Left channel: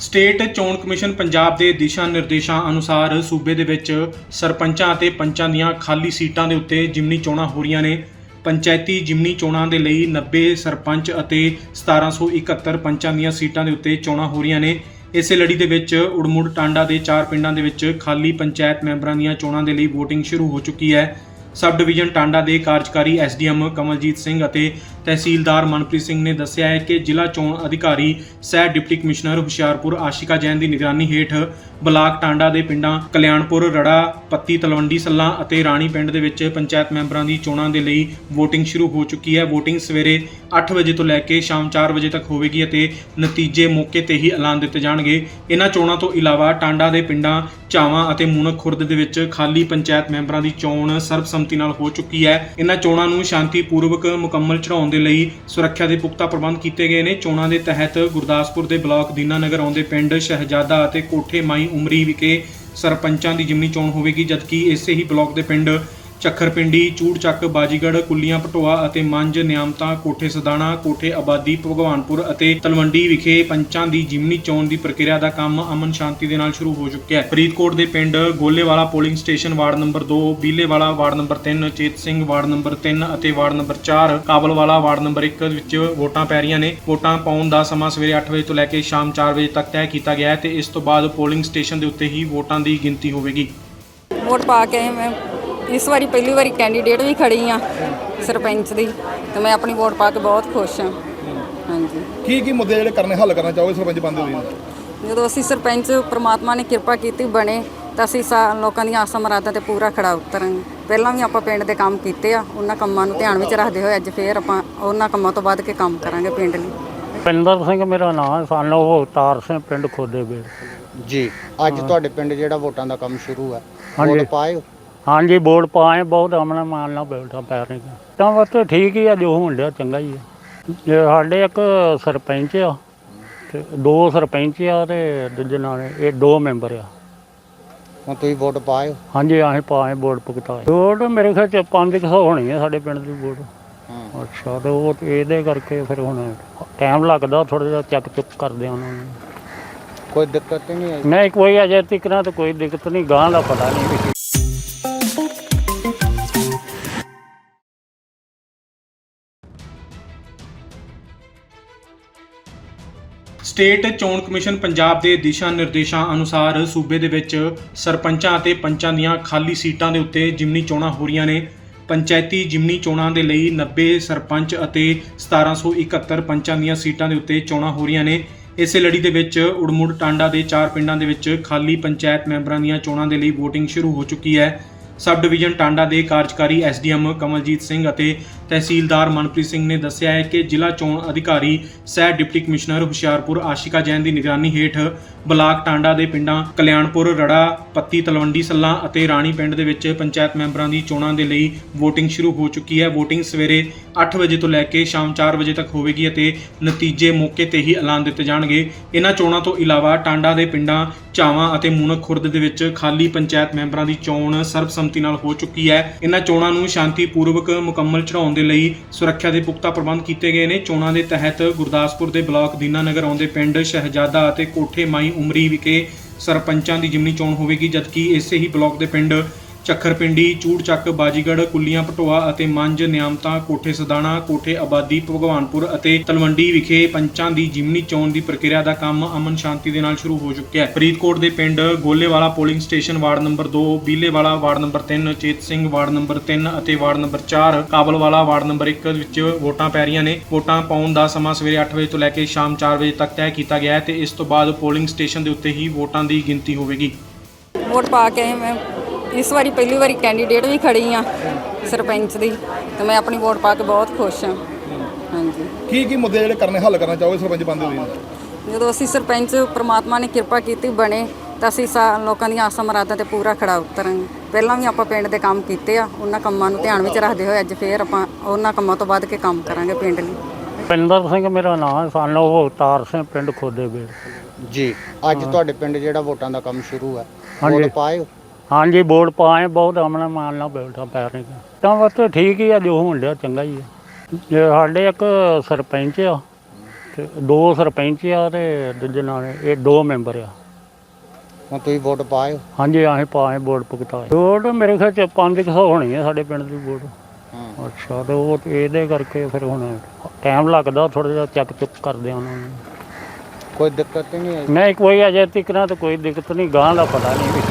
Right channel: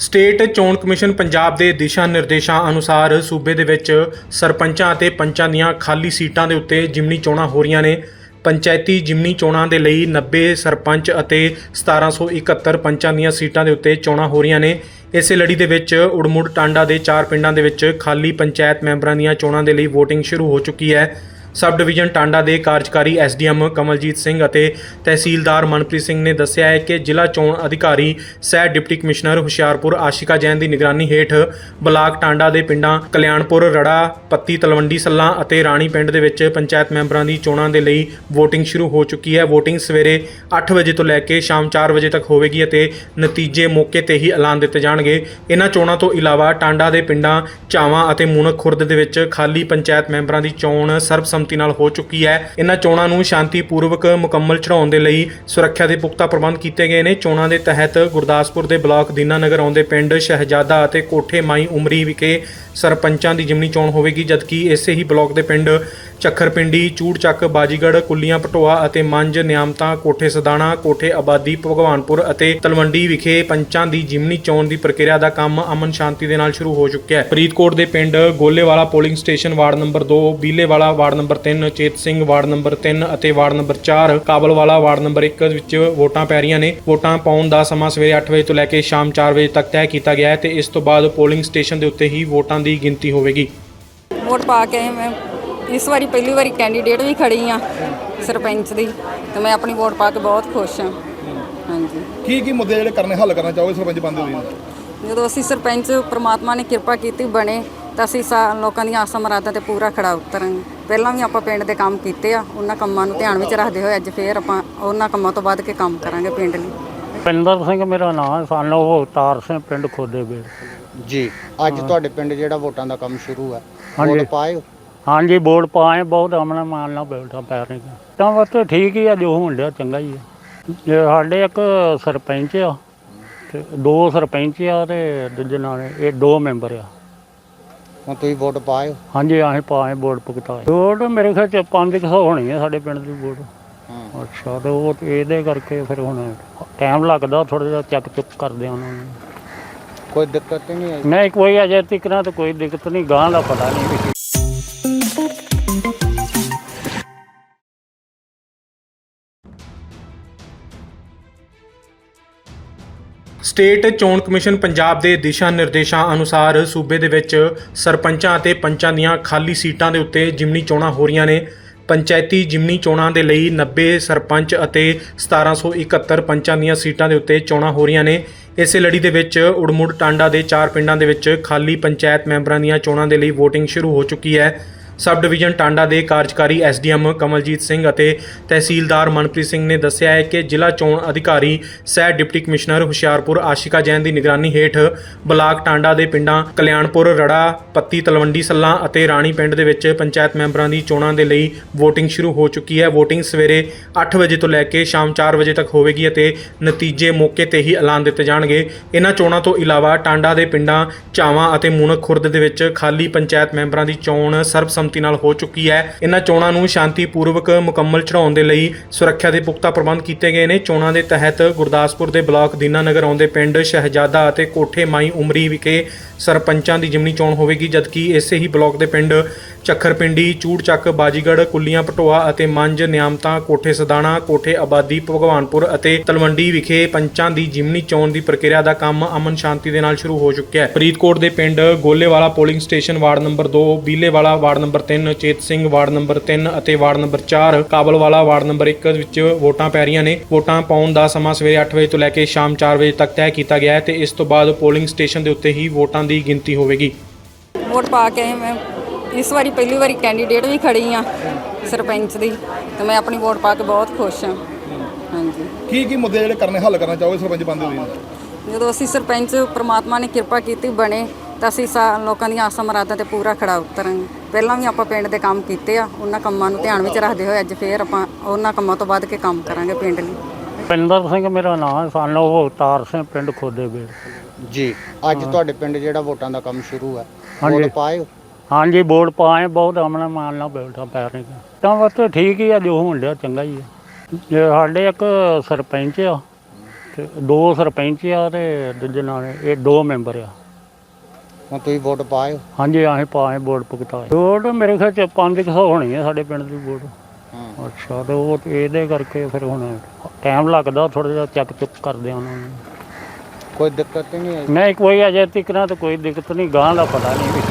State ਚੋਣ commission Punjab ਦੇ ਦਿਸ਼ਾ ਨਿਰਦੇਸ਼ਾਂ ਅਨੁਸਾਰ ਸੂਬੇ ਦੇ ਵਿੱਚ ਸਰਪੰਚਾਂ ਅਤੇ ਪੰਚਾਂ ਦੀਆਂ ਖਾਲੀ ਸੀਟਾਂ ਦੇ ਉੱਤੇ ਜਿਮਨੀ ਚੋਣਾਂ ਹੋ ਰਹੀਆਂ ਨੇ। ਪੰਚਾਇਤੀ ਜਿਮਨੀ ਚੋਣਾਂ ਦੇ ਲਈ 90 ਸਰਪੰਚ ਅਤੇ 1771 ਪੰਚਾਂ ਦੀਆਂ ਸੀਟਾਂ ਦੇ ਉੱਤੇ ਚੋਣਾਂ ਹੋ ਰਹੀਆਂ ਨੇ। ਇਸੇ ਲੜੀ ਦੇ ਵਿੱਚ ਉੜਮੁੜ ਟਾਂਡਾ ਦੇ ਚਾਰ ਪਿੰਡਾਂ ਦੇ ਵਿੱਚ ਖਾਲੀ ਪੰਚਾਇਤ ਮੈਂਬਰਾਂ ਦੀਆਂ ਚੋਣਾਂ ਦੇ ਲਈ VOTING ਸ਼ੁਰੂ ਹੋ ਚੁੱਕੀ ਹੈ। ਸਬ ਡਿਵੀਜ਼ਨ ਟਾਂਡਾ ਦੇ ਕਾਰਜਕਾਰੀ ਐਸਡੀਐਮ ਕਮਲਜੀਤ ਸਿੰਘ ਅਤੇ ਤਹਿਸੀਲਦਾਰ ਮਨਪ੍ਰੀਤ ਸਿੰਘ ਨੇ ਦੱਸਿਆ ਹੈ ਕਿ ਜ਼ਿਲ੍ਹਾ ਚੋਣ ਅਧਿਕਾਰੀ, ਸਹਿ ਡਿਪਟੀ ਕਮਿਸ਼ਨਰ ਹੁਸ਼ਿਆਰਪੁਰ ਆਸ਼ਿਕਾ ਜੈਨ ਦੀ ਨਿਗਰਾਨੀ ਹੇਠ ਬਲਾਕ ਟਾਂਡਾ ਦੇ ਪਿੰਡਾਂ ਕਲਿਆਣਪੁਰ, ਰੜਾ, ਪੱਤੀ, ਤਲਵੰਡੀ, ਸੱਲਾ ਅਤੇ ਰਾਣੀ ਪਿੰਡ ਦੇ ਵਿੱਚ ਪੰਚਾਇਤ ਮੈਂਬਰਾਂ ਦੀ ਚੋਣਾਂ ਦੇ ਲਈ VOTING ਸ਼ੁਰੂ ਹੋ ਚੁੱਕੀ ਹੈ। VOTING ਸਵੇਰੇ 8 ਵਜੇ ਤੋਂ ਲੈ ਕੇ ਸ਼ਾਮ 4 ਵਜੇ ਤੱਕ ਹੋਵੇਗੀ ਅਤੇ ਨਤੀਜੇ ਮੌਕੇ ਤੇ ਹੀ ਐਲਾਨ ਦਿੱਤੇ ਜਾਣਗੇ। ਇਹਨਾਂ ਚੋਣਾਂ ਤੋਂ ਇਲਾਵਾ ਟਾਂਡਾ ਦੇ ਪਿੰਡਾਂ ਝਾਵਾਂ ਅਤੇ ਮੂਨਕ ਖੁਰਦ ਦੇ ਵਿੱਚ ਖਾਲੀ ਪੰਚਾਇਤ ਮੈਂਬਰਾਂ ਦੀ ਚੋਣ ਸਰਬਸੰਮਤੀ ਨਾਲ ਹੋ ਚੁੱਕੀ ਹੈ। ਇਹਨਾਂ ਚੋਣਾਂ ਨੂੰ ਸ਼ਾਂਤੀਪੂਰਵਕ ਮੁਕੰਮਲ ਚੜਾਉਣ ਦੇ ਲਈ ਸੁਰੱਖਿਆ ਦੇ ਪੁਖਤਾ ਪ੍ਰਬੰਧ ਕੀਤੇ ਗਏ ਨੇ। ਚੋਣਾਂ ਦੇ ਤਹਿਤ ਗੁਰਦਾਸਪੁਰ ਦੇ ਬਲਾਕ ਦੀਨਾਨਗਰ ਆਉਂਦੇ ਪਿੰਡ ਸ਼ਹਿਜ਼ਾਦਾ ਅਤੇ ਕੋਠੇ ਮਾਈ ਉਮਰੀ ਵਿਖੇ ਸਰਪੰਚਾਂ ਦੀ ਜਿਮਨੀ ਚੋਣ ਹੋਵੇਗੀ, ਜਦਕਿ ਇਸੇ ਹੀ ਬਲਾਕ ਦੇ ਪਿੰਡ ਚੱਖਰਪਿੰਡੀ, ਚੂੜਚੱਕ, ਬਾਜੀਗੜ, ਕੁੱਲੀਆਂ, ਪਟੋਆ ਅਤੇ ਮੰਜ, ਨਿਆਮਤਾ, ਕੋਠੇ ਸਦਾਣਾ, ਕੋਠੇ ਆਬਾਦੀ, ਭਗਵਾਨਪੁਰ ਅਤੇ ਤਲਵੰਡੀ ਵਿਖੇ ਪੰਚਾਂ ਦੀ ਜਿਮਨੀ ਚੋਣ ਦੀ ਪ੍ਰਕਿਰਿਆ ਦਾ ਕੰਮ ਅਮਨ ਸ਼ਾਂਤੀ ਦੇ ਨਾਲ ਸ਼ੁਰੂ ਹੋ ਚੁੱਕਿਆ ਹੈ। ਫਰੀਦਕੋਟ ਦੇ ਪਿੰਡ Golewala polling station ward number 2 Bilewala ward number 3 Chet Singh ward number 3 ਅਤੇ ward number 4 Kabalwala ward number 1 ਵਿੱਚ ਵੋਟਾਂ ਪੈ ਰਹੀਆਂ ਨੇ। ਵੋਟਾਂ ਪਾਉਣ ਦਾ ਸਮਾਂ ਸਵੇਰੇ 8 ਵਜੇ ਤੋਂ ਲੈ ਕੇ ਸ਼ਾਮ 4 ਵਜੇ ਤੱਕ ਤੈਅ ਕੀਤਾ ਗਿਆ ਹੈ ਤੇ ਇਸ ਤੋਂ ਬਾਅਦ ਪੋਲਿੰਗ ਸਟੇਸ਼ਨ ਦੇ ਉੱਤੇ ਹੀ ਵੋਟਾਂ ਦੀ ਗਿਣਤੀ ਹੋਵੇਗੀ। ਵੋਟ ਪਾ ਕੇ ਮੈਂ। ਇਸ ਵਾਰੀ ਪਹਿਲੀ ਵਾਰੀ ਕੈਂਡੀਡੇਟ ਵੀ ਖੜੀ ਆ ਸਰਪੰਚ ਦੀ ਤੇ ਮੈਂ ਆਪਣੀ ਵੋਟ ਪਾ ਕੇ ਬਹੁਤ ਖੁਸ਼ ਹਾਂ। ਹਾਂਜੀ। ਕੀ ਕੀ ਮੁੱਦੇ ਜਿਹੜੇ ਕਰਨੇ ਹੱਲ ਕਰਨਾ ਚਾਹੋਗੇ ਸਰਪੰਚ ਬੰਦੇ ਹੋਏ? ਜਦੋਂ ਅਸੀਂ ਸਰਪੰਚ ਪ੍ਰਮਾਤਮਾ ਨੇ ਕਿਰਪਾ ਕੀਤੀ ਬਣੇ ਤਾਂ ਅਸੀਂ ਸਾ ਲੋਕਾਂ ਦੀਆਂ ਆਸਾਂ ਮੁਰਾਦਾਂ ਤੇ ਪੂਰਾ ਖੜਾ ਉਤਰਾਂਗੇ। ਪਹਿਲਾਂ ਵੀ ਆਪਾਂ ਪਿੰਡ ਦੇ ਕੰਮ ਕੀਤੇ ਆ ਉਹਨਾਂ ਕੰਮਾਂ ਨੂੰ ਧਿਆਨ ਵਿੱਚ ਰੱਖਦੇ ਹੋਏ ਅੱਜ ਫੇਰ ਆਪਾਂ ਉਹਨਾਂ ਕੰਮਾਂ ਤੋਂ ਵੱਧ ਕੇ ਕੰਮ ਕਰਾਂਗੇ ਪਿੰਡ ਲਈ। ਪਿੰਦਰ ਸਿੰਘ ਮੇਰਾ ਨਾਮ ਹੈ ਸਾਨੂੰ ਉਹ ਅਵਤਾਰ ਸਿੰਘ ਪਿੰਡ ਖੋਦੇ ਬੇੜ ਜੀ ਅੱਜ ਤੁਹਾਡੇ ਪਿੰਡ ਜਿਹੜਾ ਵੋਟਾਂ ਦਾ ਕੰਮ ਸ਼ੁਰੂ ਹੈ ਹਾਂਜੀ। ਵੋਟ ਪਾਏ ਹੋ? ਹਾਂਜੀ ਵੋਟ ਪਾਏ ਬਹੁਤ ਅਮਨ ਮਾਨ ਨਾਲ ਬੈਠਾ ਪੈ ਰਹੀ ਤਾਂ ਬਸ ਠੀਕ ਹੀ ਆ ਜੋ ਹੋਣ ਡਿਆ ਚੰਗਾ ਹੀ ਆ। ਜੇ ਸਾਡੇ ਇੱਕ ਸਰਪੰਚ ਆ ਤੇ ਦੋ ਸਰਪੰਚ ਆ ਤੇ ਦੂਜੇ ਨਾਲ ਇਹ ਦੋ ਮੈਂਬਰ ਆ। ਹੁਣ ਤੁਸੀਂ ਵੋਟ ਪਾਏ? ਹਾਂਜੀ ਅਸੀਂ ਪਾਏ ਵੋਟ ਭੁਗਤਾਏ। ਵੋਟ ਮੇਰੇ ਖਿਆਲ ਚ 500 ਹੋਣੀ ਆ ਸਾਡੇ ਪਿੰਡ ਦੀ ਵੋਟ। ਹਾਂ। ਅੱਛਾ ਤੇ ਉਹ ਇਹਦੇ ਕਰਕੇ ਫਿਰ ਹੁਣ ਟਾਈਮ ਲੱਗਦਾ ਥੋੜਾ ਜਿਹਾ ਚੱਕ ਚੁੱਕ ਕਰਦੇ ਉਹਨਾਂ ਨੂੰ। ਕੋਈ ਦਿੱਕਤ ਨਹੀਂ ਆਈ? ਨਹੀਂ ਕੋਈ ਅਜੇ ਤੱਕ ਨਾ ਤਾਂ ਕੋਈ ਦਿੱਕਤ ਨਹੀਂ ਗਾਂ ਦਾ ਪਤਾ ਨਹੀਂ। ਸਟੇਟ ਚੋਣ ਕਮਿਸ਼ਨ ਪੰਜਾਬ ਦੇ ਦਿਸ਼ਾ ਨਿਰਦੇਸ਼ਾਂ ਅਨੁਸਾਰ ਸੂਬੇ ਦੇ ਵਿੱਚ ਸਰਪੰਚਾਂ ਅਤੇ ਪੰਚਾਂ ਦੀਆਂ ਖਾਲੀ ਸੀਟਾਂ ਦੇ ਉੱਤੇ ਜਿਮਨੀ ਚੋਣਾਂ ਹੋ ਰਹੀਆਂ ਨੇ। ਪੰਚਾਇਤੀ ਜਿਮਨੀ ਚੋਣਾਂ ਦੇ ਲਈ 90 ਸਰਪੰਚ ਅਤੇ 1771 ਪੰਚਾਂ ਦੀਆਂ ਸੀਟਾਂ ਦੇ ਉੱਤੇ ਚੋਣਾਂ ਹੋ ਰਹੀਆਂ ਨੇ। ਇਸੇ ਲੜੀ ਦੇ ਵਿੱਚ ਉੜਮੁੜ ਟਾਂਡਾ ਦੇ ਚਾਰ ਪਿੰਡਾਂ ਦੇ ਵਿੱਚ ਖਾਲੀ ਪੰਚਾਇਤ ਮੈਂਬਰਾਂ ਦੀਆਂ ਚੋਣਾਂ ਦੇ ਲਈ VOTING ਸ਼ੁਰੂ ਹੋ ਚੁੱਕੀ ਹੈ। ਸਬ ਡਿਵੀਜ਼ਨ ਟਾਂਡਾ ਦੇ ਕਾਰਜਕਾਰੀ ਐਸਡੀਐਮ ਕਮਲਜੀਤ ਸਿੰਘ ਅਤੇ ਤਹਿਸੀਲਦਾਰ ਮਨਪ੍ਰੀਤ ਸਿੰਘ ਨੇ ਦੱਸਿਆ ਹੈ ਕਿ ਜ਼ਿਲ੍ਹਾ ਚੋਣ ਅਧਿਕਾਰੀ ਸਹਿ ਡਿਪਟੀ ਕਮਿਸ਼ਨਰ ਹੁਸ਼ਿਆਰਪੁਰ ਆਸ਼ਿਕਾ ਜੈਨ ਦੀ ਨਿਗਰਾਨੀ ਹੇਠ ਬਲਾਕ ਟਾਂਡਾ ਦੇ ਪਿੰਡਾਂ ਕਲਿਆਣਪੁਰ, ਰੜਾ, ਪੱਤੀ, ਤਲਵੰਡੀ, ਸੱਲਾ ਅਤੇ ਰਾਣੀ ਪਿੰਡ ਦੇ ਵਿੱਚ ਪੰਚਾਇਤ ਮੈਂਬਰਾਂ ਦੀ ਚੋਣਾਂ ਦੇ ਲਈ VOTING ਸ਼ੁਰੂ ਹੋ ਚੁੱਕੀ ਹੈ। VOTING ਸਵੇਰੇ 8 ਵਜੇ ਤੋਂ ਲੈ ਕੇ ਸ਼ਾਮ 4 ਵਜੇ ਤੱਕ ਹੋਵੇਗੀ ਅਤੇ ਨਤੀਜੇ ਮੌਕੇ ਤੇ ਹੀ ਐਲਾਨ ਦਿੱਤੇ ਜਾਣਗੇ। ਇਹਨਾਂ ਚੋਣਾਂ ਤੋਂ ਇਲਾਵਾ ਟਾਂਡਾ ਦੇ ਪਿੰਡਾਂ ਝਾਵਾਂ ਅਤੇ ਮੂਨਕ ਖੁਰਦ ਦੇ ਵਿੱਚ ਖਾਲੀ ਪੰਚਾਇਤ ਮੈਂਬਰਾਂ ਦੀ ਚੋਣ ਸਰਬਸੰਮਤੀ ਨਾਲ ਹੋ ਚੁੱਕੀ ਹੈ। ਇਹਨਾਂ ਚੋਣਾਂ ਨੂੰ ਸ਼ਾਂਤੀਪੂਰਵਕ ਮੁਕੰਮਲ ਚੜਾਉਣ ਦੇ ਲਈ ਸੁਰੱਖਿਆ ਦੇ ਪੁਖਤਾ ਪ੍ਰਬੰਧ ਕੀਤੇ ਗਏ ਨੇ। ਚੋਣਾਂ ਦੇ ਤਹਿਤ ਗੁਰਦਾਸਪੁਰ ਦੇ ਬਲਾਕ ਦੀਨਾਨਗਰ ਆਉਂਦੇ ਪਿੰਡ ਸ਼ਹਿਜ਼ਾਦਾ ਅਤੇ ਕੋਠੇ ਮਾਈ ਉਮਰੀ ਵਿਖੇ ਸਰਪੰਚਾਂ ਦੀ ਜਿਮਨੀ ਚੋਣ ਹੋਵੇਗੀ, ਜਦਕਿ ਇਸੇ ਹੀ ਬਲਾਕ ਦੇ ਪਿੰਡ ਚੱਖਰਪਿੰਡੀ, ਚੂੜਚੱਕ ਬਾਜੀਗੜ ਕੁੱਲੀਆਂ, ਪਟੋਆ ਅਤੇ ਮੰਜ, ਨਿਆਮਤਾ, ਕੋਠੇ ਸਦਾਣਾ, ਕੋਠੇ ਆਬਾਦੀ, ਭਗਵਾਨਪੁਰ ਅਤੇ ਤਲਵੰਡੀ ਵਿਖੇ ਪੰਚਾਂ ਦੀ ਜਿਮਨੀ ਚੋਣ ਦੀ ਪ੍ਰਕਿਰਿਆ ਦਾ ਕੰਮ ਅਮਨ ਸ਼ਾਂਤੀ ਦੇ ਨਾਲ ਸ਼ੁਰੂ ਹੋ ਚੁੱਕਿਆ ਹੈ। ਫਰੀਦਕੋਟ ਦੇ ਪਿੰਡ Golewala polling station ward number 2 Bilewala ward number 3 Chet Singh ward number 3 ਅਤੇ ward number 4 Kabalwala ward number 1 ਵਿੱਚ ਵੋਟਾਂ ਪੈ ਰਹੀਆਂ ਨੇ। ਵੋਟਾਂ ਪਾਉਣ ਦਾ ਸਮਾਂ ਸਵੇਰੇ 8 ਵਜੇ ਤੋਂ ਲੈ ਕੇ ਸ਼ਾਮ 4 ਵਜੇ ਤੱਕ ਤੈਅ ਕੀਤਾ ਗਿਆ ਹੈ ਤੇ ਇਸ ਤੋਂ ਬਾਅਦ ਪੋਲਿੰਗ ਸਟੇਸ਼ਨ ਦੇ ਉੱਤੇ ਹੀ ਵੋਟਾਂ ਦੀ ਗਿਣਤੀ ਹੋਵੇਗੀ। ਵੋਟ ਪਾ ਕੇ ਮੈਂ। ਇਸ ਵਾਰੀ ਪਹਿਲੀ ਵਾਰੀ ਕੈਂਡੀਡੇਟ ਵੀ ਖੜੀ ਆ ਸਰਪੰਚ ਦੀ ਤੇ ਮੈਂ ਆਪਣੀ ਵੋਟ ਪਾ ਕੇ ਬਹੁਤ ਖੁਸ਼ ਹਾਂ। ਹਾਂਜੀ। ਕੀ ਕੀ ਮੁੱਦੇ ਜਿਹੜੇ ਕਰਨੇ ਹੱਲ ਕਰਨਾ ਚਾਹੋਗੇ ਸਰਪੰਚ ਬੰਦੇ ਹੋਏ? ਜਦੋਂ ਅਸੀਂ ਸਰਪੰਚ ਪ੍ਰਮਾਤਮਾ ਨੇ ਕਿਰਪਾ ਕੀਤੀ ਬਣੇ ਤਾਂ ਅਸੀਂ ਸਾ ਲੋਕਾਂ ਦੀਆਂ ਆਸਾਂ ਮੁਰਾਦਾਂ ਤੇ ਪੂਰਾ ਖੜਾ ਉਤਰਾਂਗੇ। ਪਹਿਲਾਂ ਵੀ ਆਪਾਂ ਪਿੰਡ ਦੇ ਕੰਮ ਕੀਤੇ ਆ ਉਹਨਾਂ ਕੰਮਾਂ ਨੂੰ ਧਿਆਨ ਵਿੱਚ ਰੱਖਦੇ ਹੋਏ ਅੱਜ ਫੇਰ ਆਪਾਂ ਉਹਨਾਂ ਕੰਮਾਂ ਤੋਂ ਵੱਧ ਕੇ ਕੰਮ ਕਰਾਂਗੇ ਪਿੰਡ ਲਈ। ਪਿੰਦਰ ਸਿੰਘ ਮੇਰਾ ਨਾਮ ਹੈ ਸਾਨੂੰ ਉਹ ਅਵਤਾਰ ਸਿੰਘ ਪਿੰਡ ਖੋਦੇ ਬੇੜ ਜੀ ਅੱਜ ਤੁਹਾਡੇ ਪਿੰਡ ਜਿਹੜਾ ਵੋਟਾਂ ਦਾ ਕੰਮ ਸ਼ੁਰੂ ਹੈ ਹਾਂਜੀ। ਵੋਟ ਹੋ? ਹਾਂਜੀ ਵੋਟ ਪਾਏ ਬਹੁਤ ਅਮਨ ਮਾਨ ਨਾਲ ਬੈਠਾ ਪੈ ਰਹੀ ਤਾਂ ਬਸ ਠੀਕ ਹੀ ਆ ਜੋ ਹੋਣ ਡਿਆ ਚੰਗਾ ਹੀ ਆ। ਜੇ ਸਾਡੇ ਇੱਕ ਸਰਪੰਚ ਆ ਤੇ ਦੋ ਸਰਪੰਚ ਆ ਤੇ ਦੂਜੇ ਨਾਲ ਇਹ ਦੋ ਮੈਂਬਰ ਆ। ਹੁਣ ਤੁਸੀਂ ਵੋਟ ਪਾਏ ਹਾਂਜੀ ਆਹੇ ਪਾਏ ਵੋਟ ਭੁਗਤਾਏ। ਵੋਟ ਮੇਰੇ ਖਿਆਲ ਚ 500 ਹੋਣੀ ਹੈ ਸਾਡੇ ਪਿੰਡ ਦੀ ਵੋਟ। ਅੱਛਾ ਤੇ ਉਹ ਇਹਦੇ ਕਰਕੇ ਫਿਰ ਹੁਣ ਟਾਈਮ ਲੱਗਦਾ ਥੋੜਾ ਜਿਹਾ ਚੱਕ ਚੁੱਕ ਕਰਦੇ ਆ ਉਹਨਾਂ ਨੂੰ। ਕੋਈ ਦਿੱਕਤ ਨਹੀਂ ਆਈ? ਨਹੀਂ ਕੋਈ ਅਜੇ ਤੱਕ ਨਾ ਤਾਂ ਕੋਈ ਦਿੱਕਤ ਨਹੀਂ ਗਾਂ ਦਾ ਪਤਾ ਨਹੀਂ।